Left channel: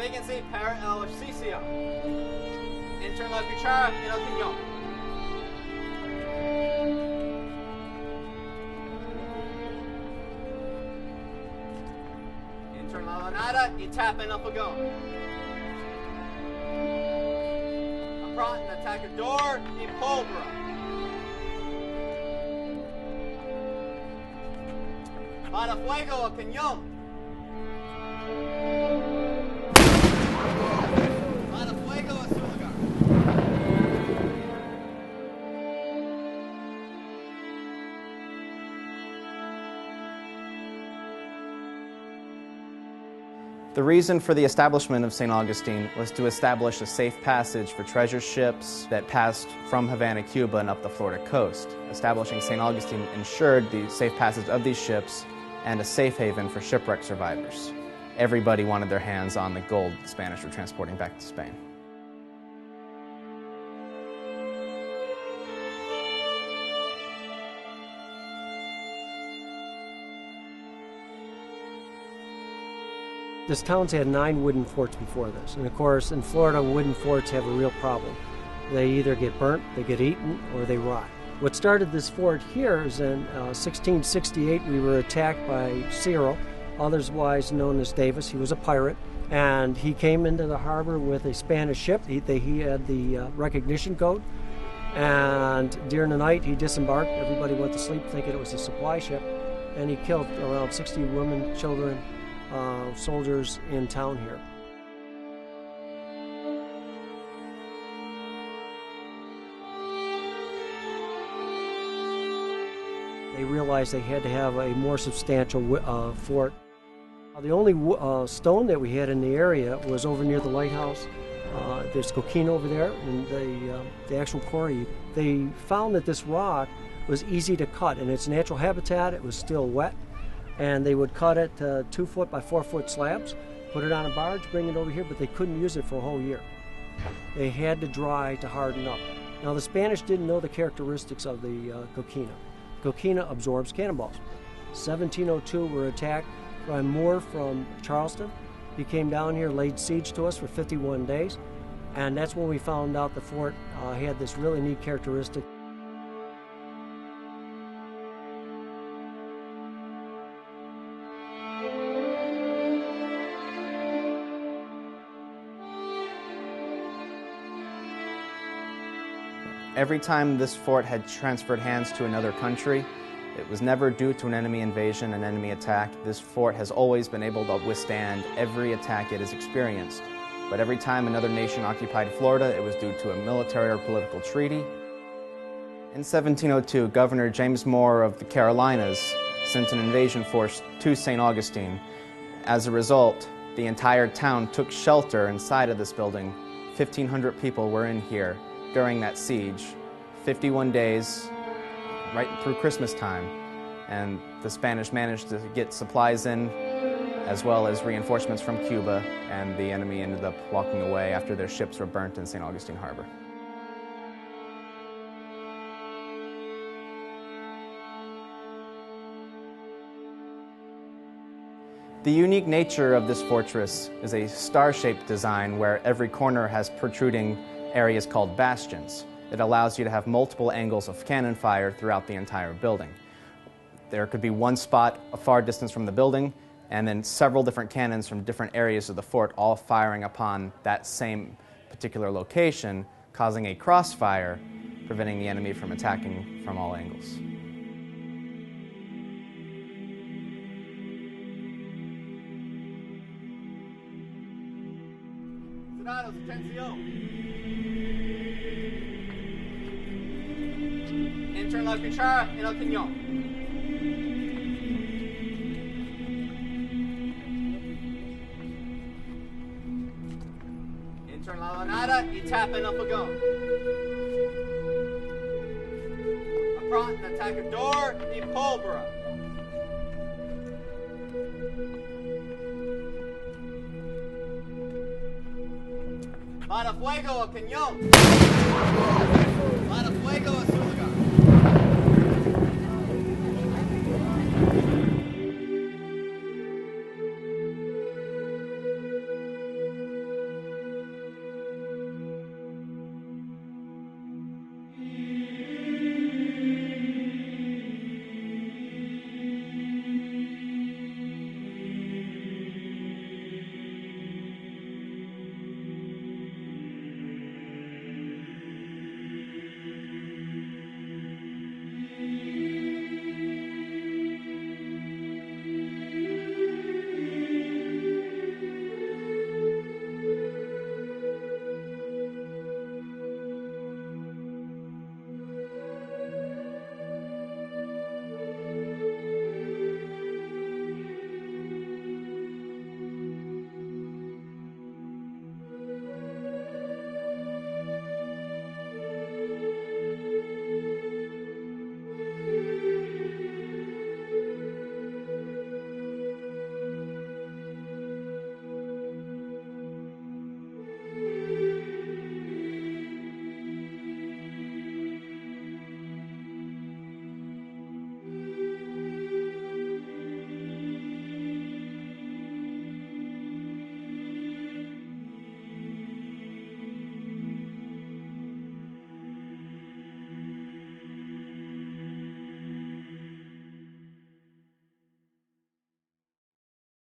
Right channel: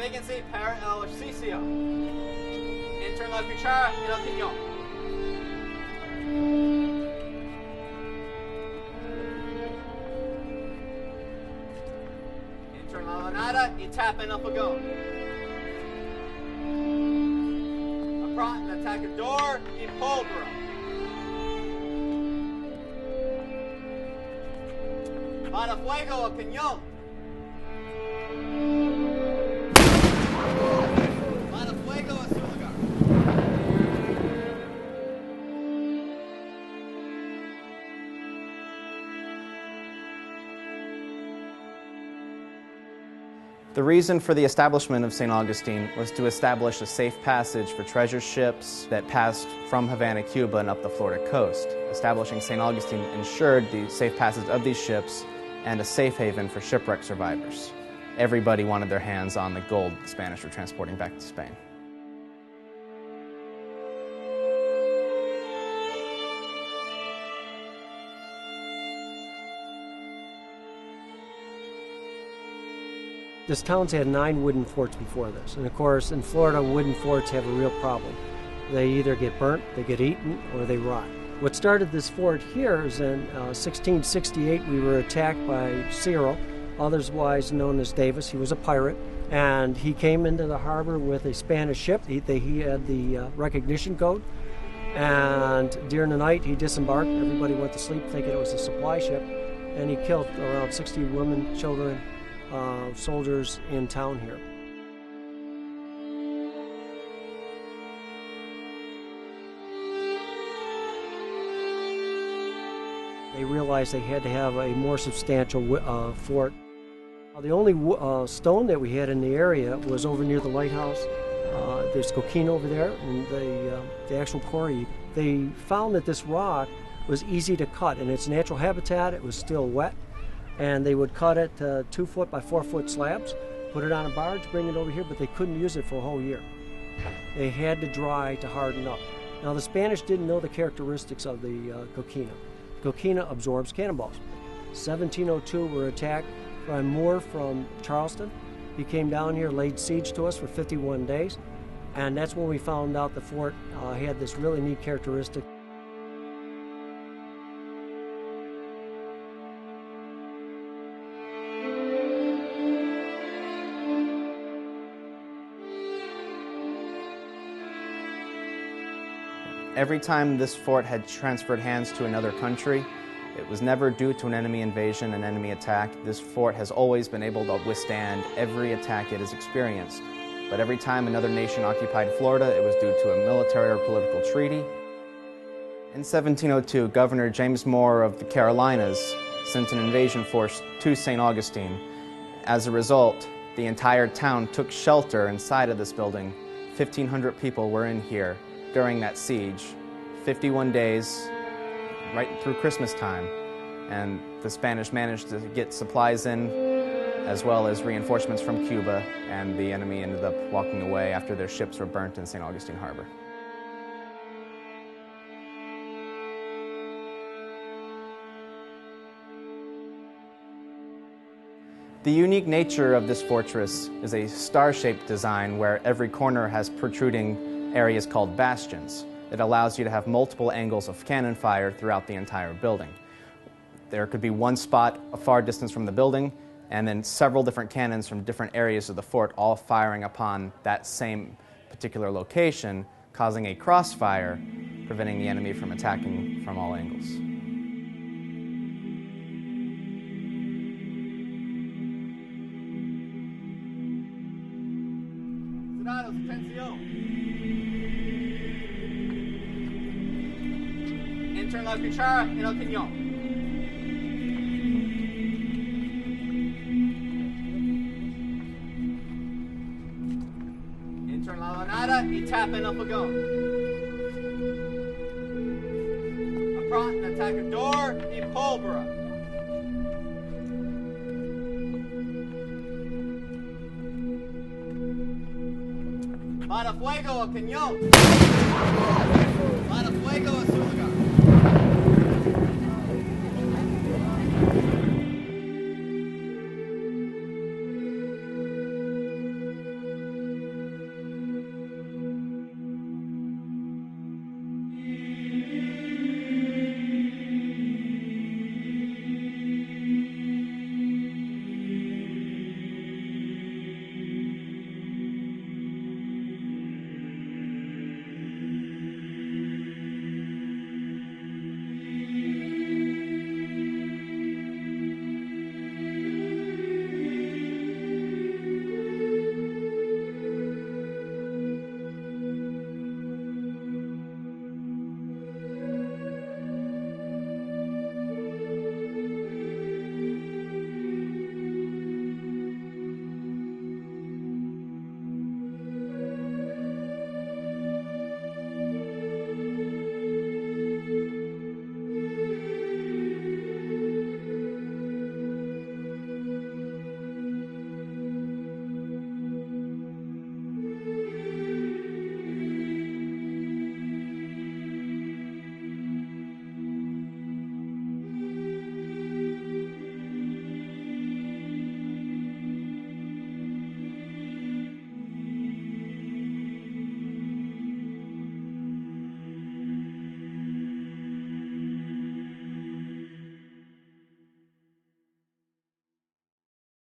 vacancy per el sitio. Entran la cuchara en el cañón. Entran la lanada y tapan el fogón. Aprontan atacador y pólvora. Para fuego el cañón. Para fuego a su lugar. The reason for the establishment of St. Augustine was to establish a safe passage for treasure ships that passed from Havana, Cuba, and up the Florida coast. Establishing St. Augustine ensured the safe passage of these ships and a safe haven for shipwreck survivors. Everybody wanted their hands on the gold the Spanish were transporting back to Spain. This town's had 9 wooden forts before this, and of course in Florida wooden forts have a real problem. They either get burnt, they get eaten, or they rot. What started this fort here is in 1668 we were attacked by Cyril, otherwise known as Davis. He was a pirate, and he came into the harbor with a Spanish ship. He had the recognition code, and during the night he disembarked. Everybody went to sleep thinking it was a supply ship, and he killed around 60 women, children, soldiers in town here. They realized they had to have a more substantial fort. The only stone that we had in the area was over near the lighthouse. There's coquina over there, and the actual quarry. They found that this rock was easy to cut. In its natural habitat, it was still wet, and they would cut it 2 foot by 4 foot slabs, put it on a barge, bring it over here, but they couldn't use it for a whole year. They had to dry to harden up. Now the Spanish didn't know the characteristics of the coquina. Coquina absorbs cannonballs. 1702, we were attacked by a Moor from Charleston. He came down here, laid siege to us for 51 days, and that's when we found out the fort had this really neat characteristic. Every time this fort had transferred hands to another country, it was never due to an enemy invasion, an enemy attack. This fort has always been able to withstand every attack it has experienced. But every time another nation occupied Florida, it was due to a military or political treaty. In 1702, Governor James Moore of the Carolinas sent an invasion force to St. Augustine. As a result, the entire town took shelter inside of this building. 1,500 people were in here during that siege, 51 days, right through Christmas time, and the Spanish managed to get supplies in, as well as reinforcements from Cuba, and the enemy ended up walking away after their ships were burnt in St. Augustine Harbor. The unique nature of this fortress is a star-shaped design where every corner has protruding areas called bastions. It allows you to have multiple angles of cannon fire throughout the entire building. There could be one spot a far distance from the building, and then several different cannons from different areas of the fort all firing upon that same particular location, causing a crossfire, preventing the enemy from attacking from all angles. Soldados, atención. Entran la cuchara en el cañón. Entran la lanada y tapan el fogón. Aprontan atacador y pólvora. Para fuego el cañón. Para fuego a su lugar.